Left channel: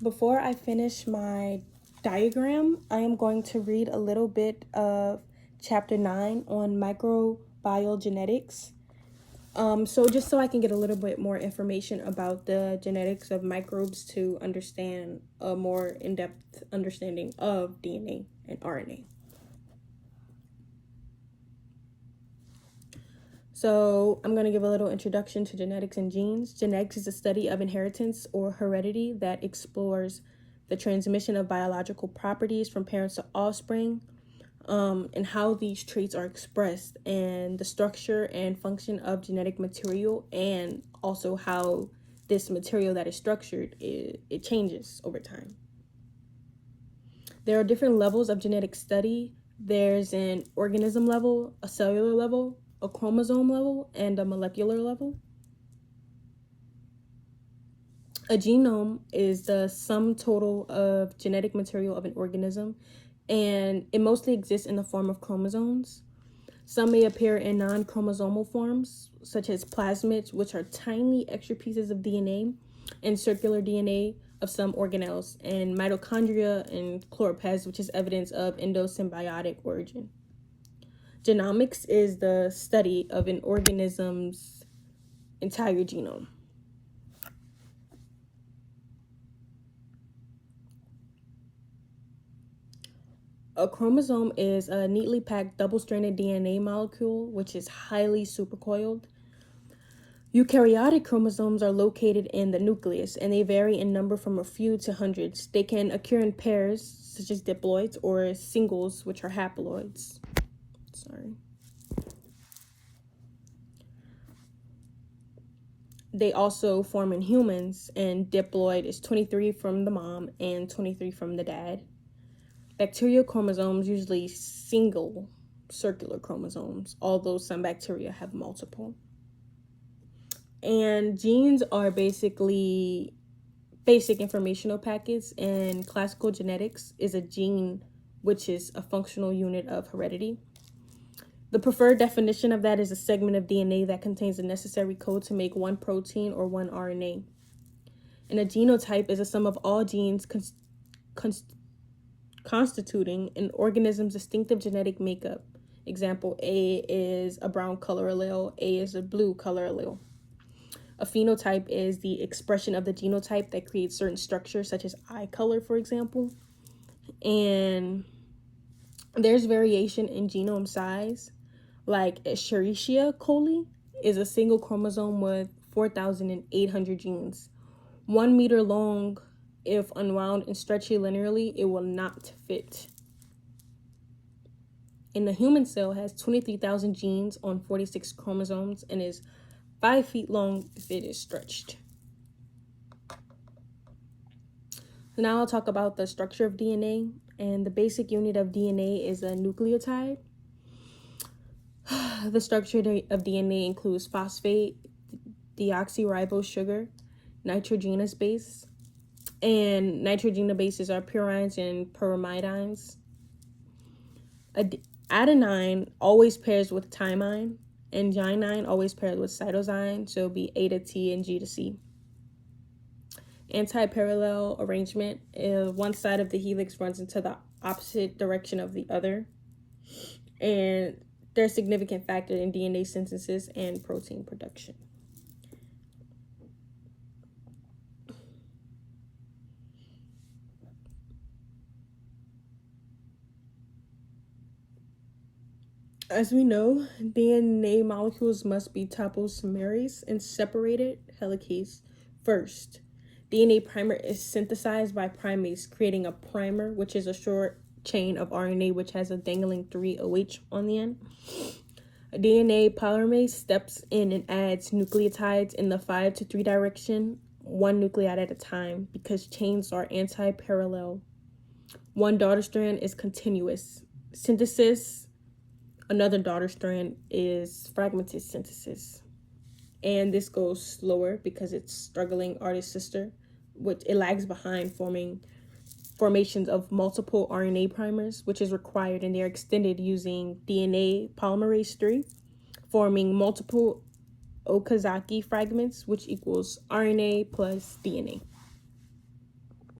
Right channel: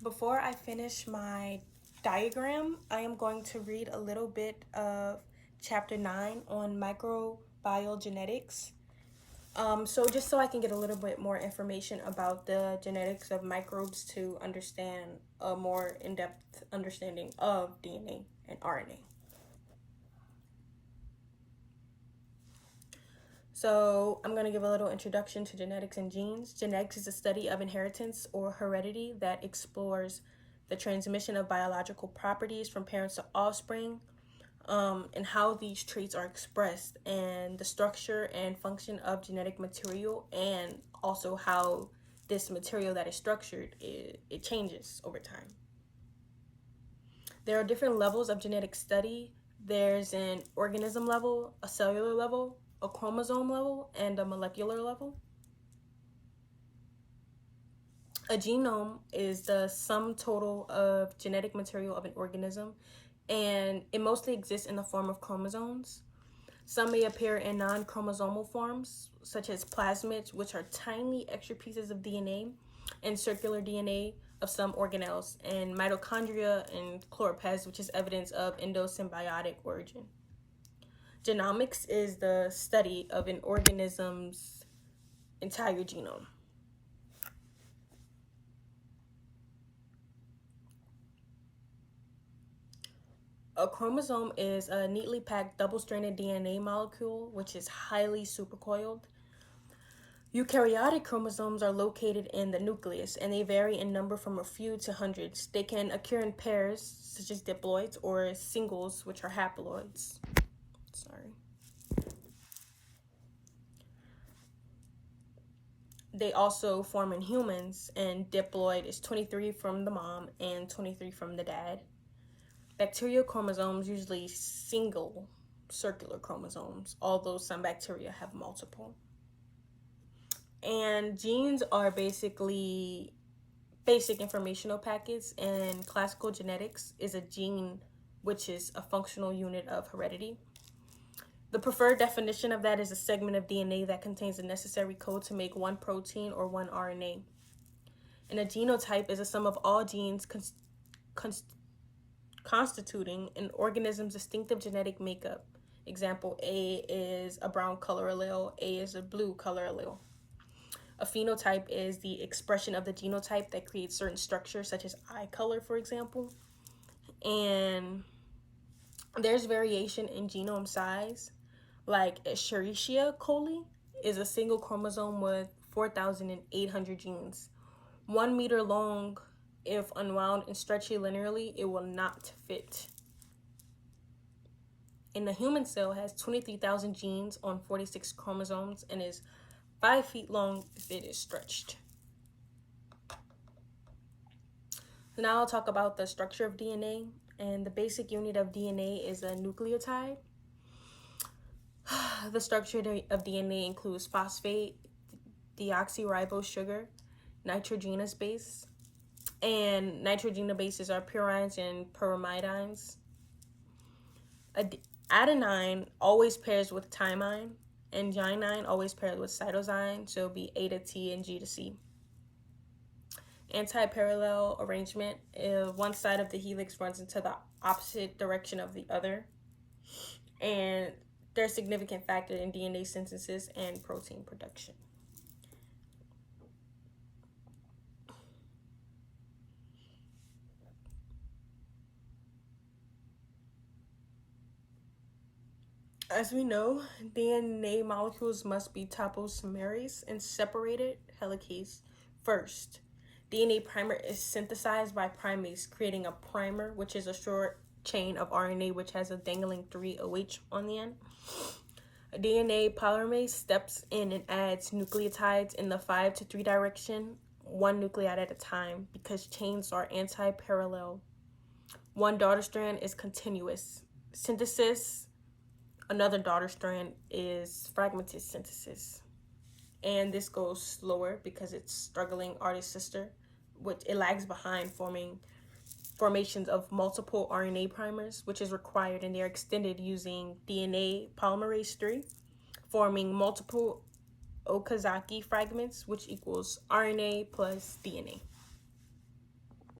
Before I finish my diagram, I am going to read a little bit of chapter 9 on microbiogenetics. Just so I can get a little bit more information about the genetics of microbes to understand a more in-depth understanding of DNA and RNA. So I'm going to give a little introduction to genetics and genes. Genetics is a study of inheritance or heredity that explores the transmission of biological properties from parents to offspring, and how these traits are expressed, and the structure and function of genetic material, and also how this material that is structured, it changes over time. There are different levels of genetic study. There's an organism level, a cellular level, a chromosome level, and a molecular level. A genome is the sum total of genetic material of an organism, and it mostly exists in the form of chromosomes. Some may appear in non-chromosomal forms, such as plasmids, which are tiny extra pieces of DNA, and circular DNA of some organelles, and mitochondria and chloroplasts, which is evidence of endosymbiotic origin. Genomics is the study of an organism's entire genome. A chromosome is a neatly packed double-stranded DNA molecule, which is highly supercoiled. Eukaryotic chromosomes are located in the nucleus, and they vary in number from a few to hundreds. They can occur in pairs, such as diploids, or singles, which are haploids. They also form in humans, and diploid is 23 from the mom and 23 from the dad. Bacterial chromosomes, usually single circular chromosomes, although some bacteria have multiple. And genes are basically basic informational packets, and classical genetics is a gene, which is a functional unit of heredity. The preferred definition of that is a segment of DNA that contains the necessary code to make one protein or one RNA. And a genotype is a sum of all genes constituting an organism's distinctive genetic makeup. Example, A is a brown color allele, A is a blue color allele. A phenotype is the expression of the genotype that creates certain structures, such as eye color, for example. And there's variation in genome size, like Escherichia coli is a single chromosome with 4,800 genes. 1 meter long. If unwound and stretchy linearly, it will not fit. And the human cell has 23,000 genes on 46 chromosomes and is 5 feet long if it is stretched. So now I'll talk about the structure of DNA, and the basic unit of DNA is a nucleotide. The structure of DNA includes phosphate, deoxyribose sugar, nitrogenous base, and nitrogenous bases are purines and pyrimidines. Adenine always pairs with thymine, and guanine always pairs with cytosine, so it'll be A to T and G to C. Anti-parallel arrangement, one side of the helix runs into the opposite direction of the other, and they're a significant factor in DNA synthesis and protein production. As we know, DNA molecules must be topoisomerase and separated helicase first. DNA primer is synthesized by primase, creating a primer, which is a short chain of RNA which has a dangling 3 OH on the end. A DNA polymerase steps in and adds nucleotides in the 5 to 3 direction, one nucleotide at a time, because chains are anti-parallel. One daughter strand is continuous synthesis. Another daughter strand is fragmented synthesis. And this goes slower because it's struggling artist sister, which it lags behind formations of multiple RNA primers, which is required, and they're extended using DNA polymerase 3, forming multiple Okazaki fragments, which equals RNA plus DNA.